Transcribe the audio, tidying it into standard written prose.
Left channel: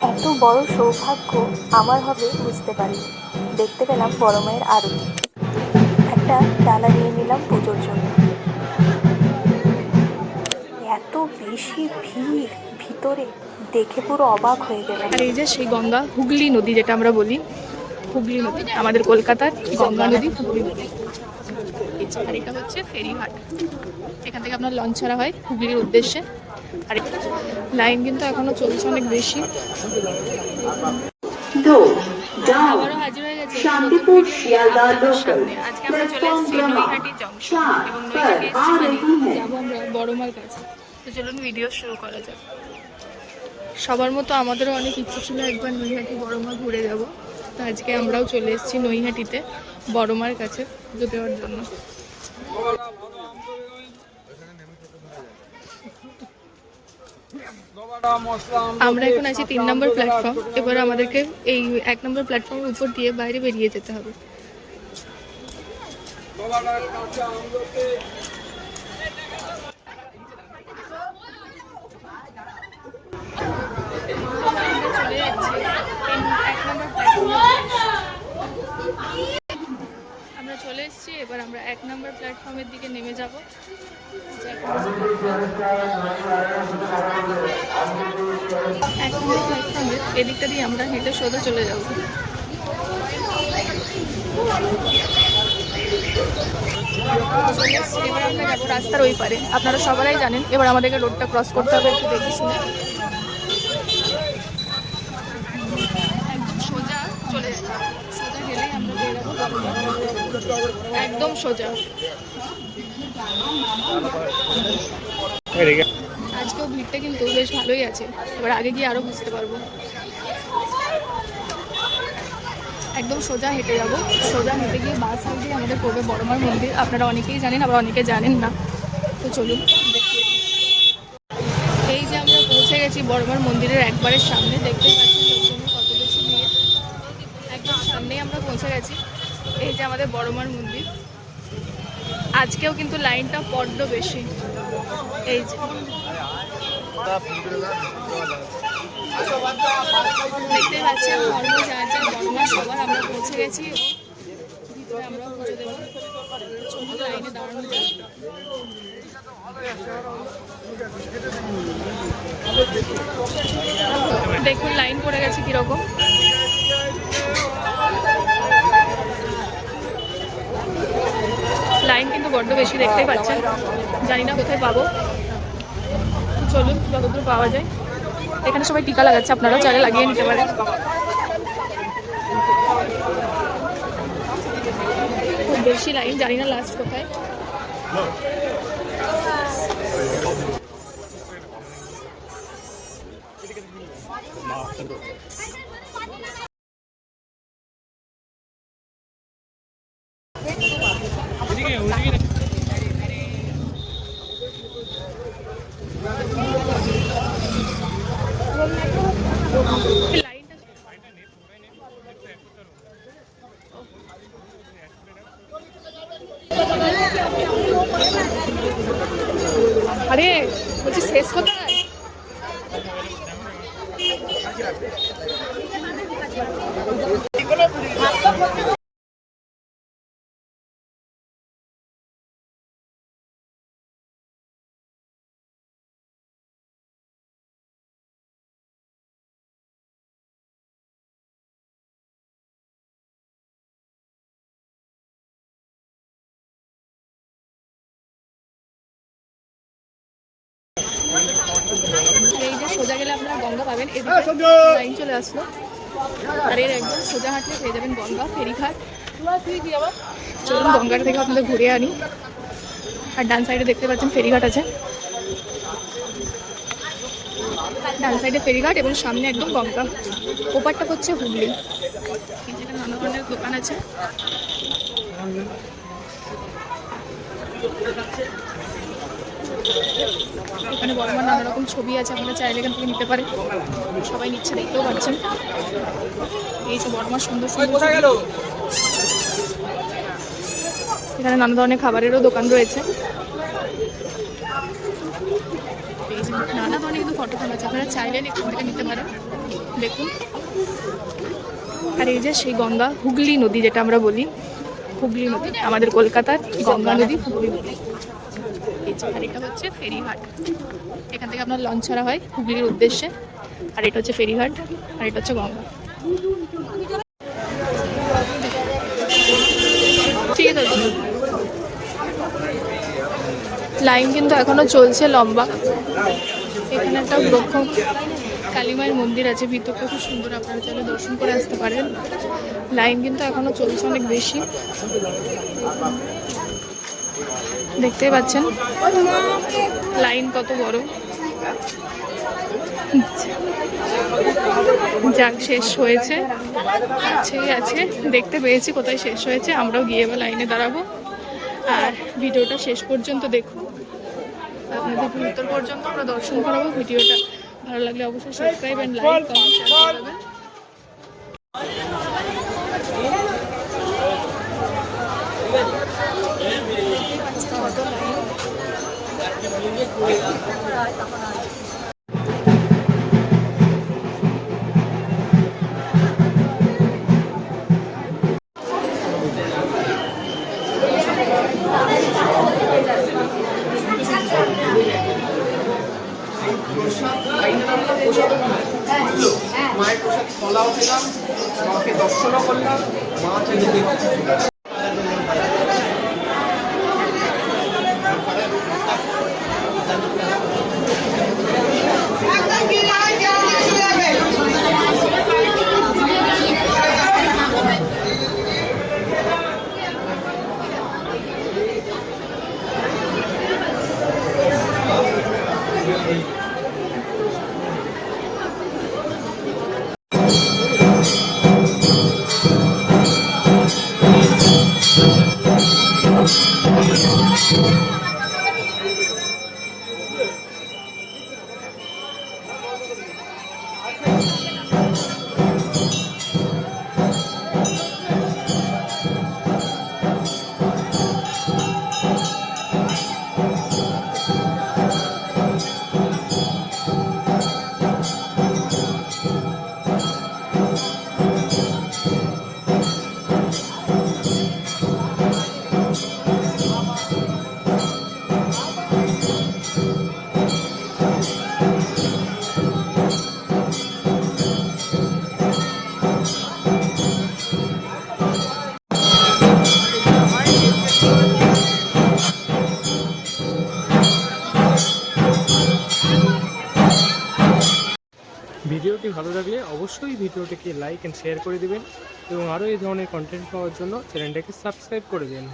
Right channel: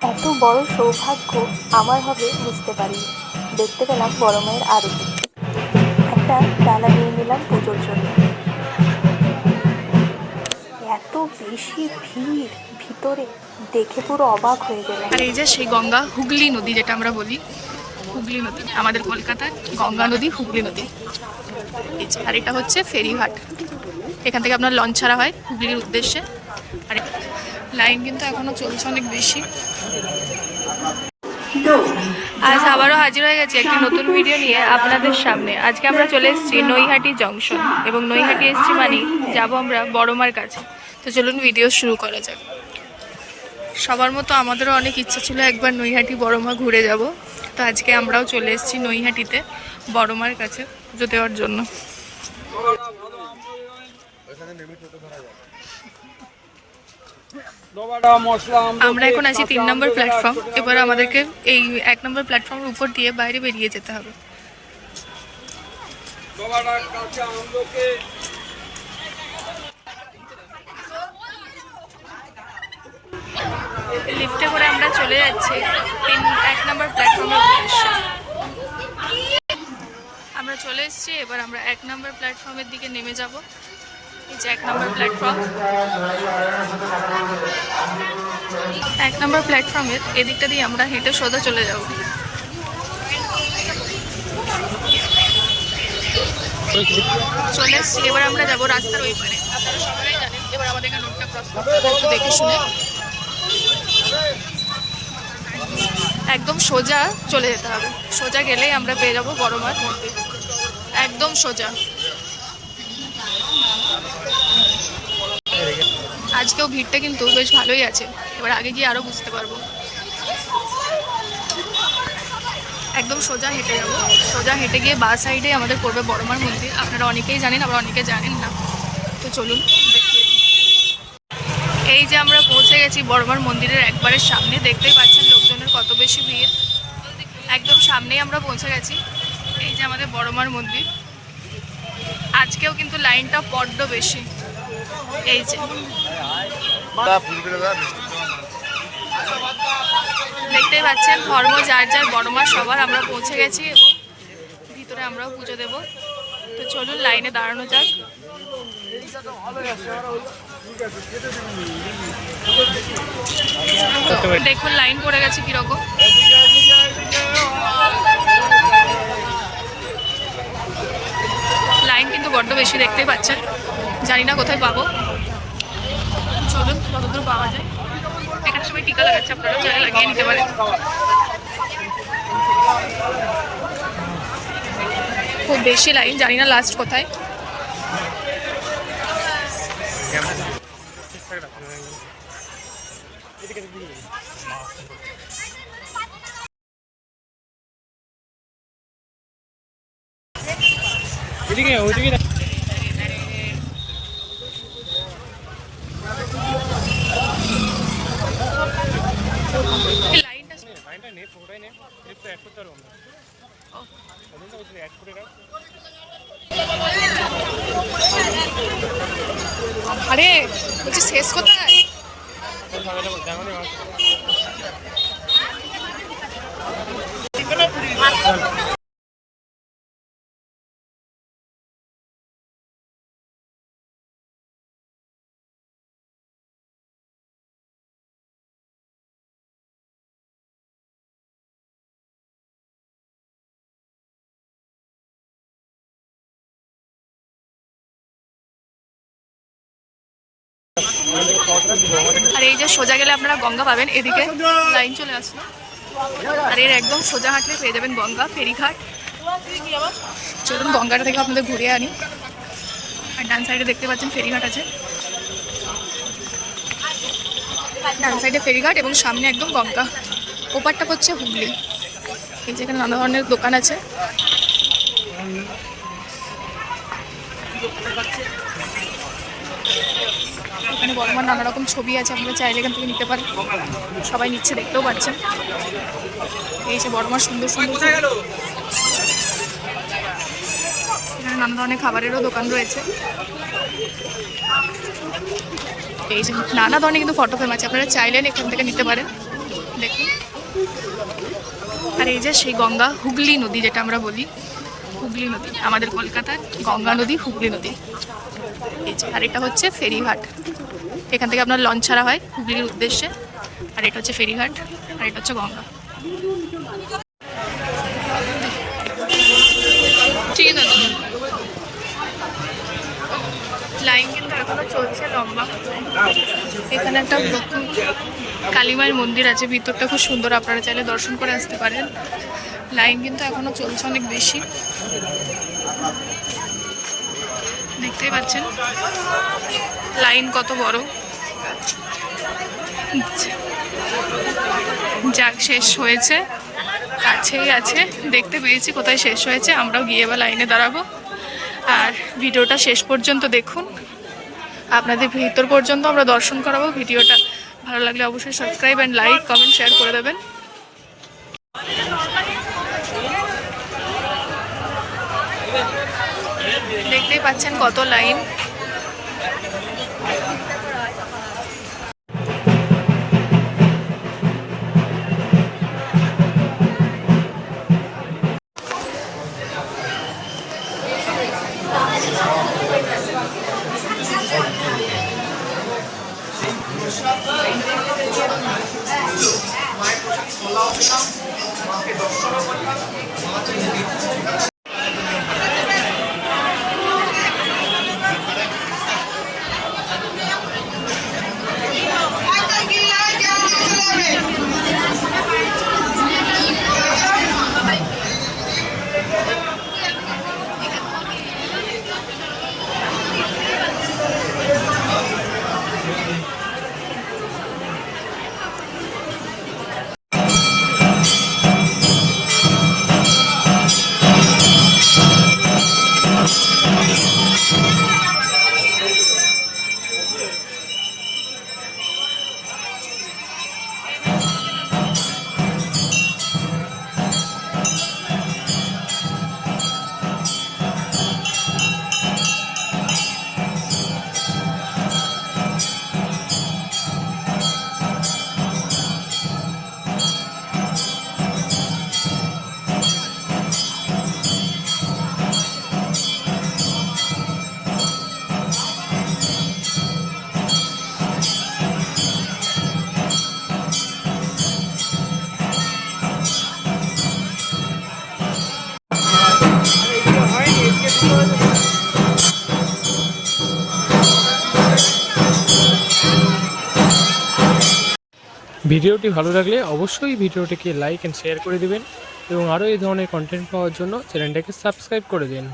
এত বড় সৌভাগ্য আমার হবে বুঝতে পারিনি। দেখতে পেলাম বড় মায়ের আরতি। একটা ডালা নিয়ে নিলাম পুজোর জন্য। এত বেশি ভিড় ভিতরে, দেখে পুরো অবাক হয়ে গেলাম। আর এই যে সেই গঙ্গা, হুগলি নদী যেটা আমরা বলি, হুগলি নদী, আমাদের কলকাতার গঙ্গা নদী হুগলি নদী। এই যে, আর এটা হচ্ছে ফেরিঘাট। এখান থেকে আপনার লঞ্চ ছাড়া হয় হুগলির উদ্দেশ্যে। আর লাইন কিন্তু এখনো চলছে অনেক বেশি। আজ আবারও হাজির হয়ে গেছি একটি নতুন ভিডিও নিয়ে আপনাদের সামনে। আজকে আমরা চলে এসেছি নৈহাটি জংশন, এবং নৈহাটি এসেছি মানে যাবো আমরা বড়মার কাছে। তো চলুন ভিডিও শুরু করা যাক। সবার মতো আমাদেরও অনেক ইচ্ছে ছিল একবার নৈহাটি বড়মা ঘুরে যাব। তো আজকে আমরাও চলে এসেছি নৈহাটিতে বড়মার কাছে পুজো দেওয়ার জন্য। আমরা এখন আছি 3 নম্বর প্ল্যাটফর্ম। এবার আমাদেরকে এই 1 নম্বর প্ল্যাটফর্মের উপর দিয়ে বাইরে বেরিয়ে যেতে হবে। লিফটে করে আমরা চলে যাচ্ছি 1 নম্বর প্ল্যাটফর্মের উদ্দেশ্যে। আমরা চলে এসেছি, এবার আমরা 1 নম্বর প্ল্যাটফর্মের দিকে নেমে যাব। এই যে 1 নম্বর প্ল্যাটফর্ম। 1 নম্বর প্ল্যাটফর্মের এদিকটা দিয়ে আমরা হেঁটে সোজা চলে যাব। চলে এসেছি, এবার আমরা যাব রাস্তার ওই পারে। আপনারা সবাই জানেন এবার আমাদেরকে রোডটা ক্রস করতে হবে একটু দেখে শুনে। একদম সোজা চলে যেতে হবে, সোজা গেলেই আমরা পেয়ে যাবো বড়মার মন্দির। একদম সোজা। আজকেও ভিড়টা কিন্তু বেশ ভালোই আছে, এবার আগে গিয়ে আরো বুঝতে পারবো। একদম সোজা হেঁটে যাব, সোজা হেঁটে গিয়ে বাঁ সাইডে আমাদের পড়বে বড়মার মন্দির। আপনারা অনেকেই জানেন, আবার অনেকে জানেন না। তো চলুন দেখিয়ে দিই। এই যে আমরা পৌঁছে গেছি বড়মার মন্দিরের একবারের সামনে। দেখতেই পাচ্ছেন লোকজনের কত বেশি ভিড়। একদম সামনেই আমরা পৌঁছে গেছি। এই যে আমাদের বড়মার মন্দির। আজকেও কিন্তু লাইনটা বড্ড বেশি। এই যে দেখতেই পাচ্ছেন ধর্ম যার যার, বড়মার সবার। আমরা পৌঁছে গেছি এবং ভিতরে আমরাও পুজো দেব। তো চলুন লাইনে দাঁড়ানো যাক। দেখুন লাইন পড়ে গেছে কিরকম। লাইন কিন্তু বড্ড বেশি, দেখতেই পাচ্ছেন। জানি না কোথায় পাবো, চলুন যতদূর পাওয়া যায়। এখানে সবাই টিকা লাগাচ্ছে, আপনারা চাইলে লাগিয়ে নিতে পারেন। খুব বেশি লাইন, জানি না লাস্ট কোথায়। আরে বলছি শেষ কোথায়? আর এই যে সোজা গেলে আপনারা গঙ্গা পাবেন। এদিকে লাইন চলে আসলো, আর এর একদম সোজা হাঁটলে পেয়ে যাবেন গঙ্গা ফেরিঘাট। চলুন গঙ্গাটা থেকে আপনাদের ঘুরিয়ে আনি। আর ডান সাইডে দেখতে পাচ্ছেন ফেরিঘাট আছে। ডান সাইডে ফেরিঘাট এবং সামনে একদম গঙ্গা। ওপারটা হচ্ছে হুগলি। এই যেখানে নানা ধরনের দোকান আছে। এখানে বড়মার নানা রকম ছবি আছে, আপনারা চাইলে এখান থেকে নিতে পারেন। সবাই নিচ্ছে, দেখতেও পাচ্ছেন। এই যে বড়মার সুন্দর সুন্দর। এখানে নানা ধরনের খাবারেরও দোকান রয়েছে। এই যে নানা ধরনের কিন্তু ফটো ফ্রেম আছে, আপনারা চাইলেন এখান থেকে নিতে পারেন। দেখুন। আর এই যে সেই গঙ্গা, হুগলি নদী যেটা আমরা বলি, হুগলি নদী, আমাদের কলকাতার গঙ্গা নদী হুগলি নদী। এই যে, আর এটা হচ্ছে ফেরিঘাট। এখান থেকে আপনার লঞ্চ ছাড়া হয় হুগলির উদ্দেশ্যে। আর এটা হচ্ছে ফেরিঘাট, আর এটা হচ্ছে গঙ্গা। ঠিক আছে, লাইন কিন্তু এখনো চলছে লম্বা। এখানে একটা ব্রহ্ম কালীমায়ের মন্দির আছে, ভিতরটা খুব সুন্দর, আপনারা চাইলে দর্শন করে আসতে পারেন। লাইন কিন্তু এখনো চলছে অনেক বেশি, দেখতেই পাচ্ছেন লাইন কত বড়। যাক, শেষ হয়েছে, কাছেই আছে, দেখতে পেয়েছি কোথায় শেষ হয়েছে। আমরাও গিয়ে এবার লাইনে দাঁড়াবো। আর ভিডিওটা শেষ পর্যন্ত দেখুন, আপনাদের ভিতর পর্যন্ত আমরা দর্শন করাবো। ভিডিওটা ভালো লাগলে অবশ্যই subscribe and like, comment, share করে দেবেন। দেখতেই পাচ্ছেন কত লাইন। ভিডিওটি ভালো লাগলে অবশ্যই ভিডিওটিকে লাইক অ্যান্ড শেয়ার করে দেবেন এবং আরও এই ধরনের কন্টেন্ট পাওয়ার জন্য চ্যানেলটাকে সাবস্ক্রাইব করে দিন।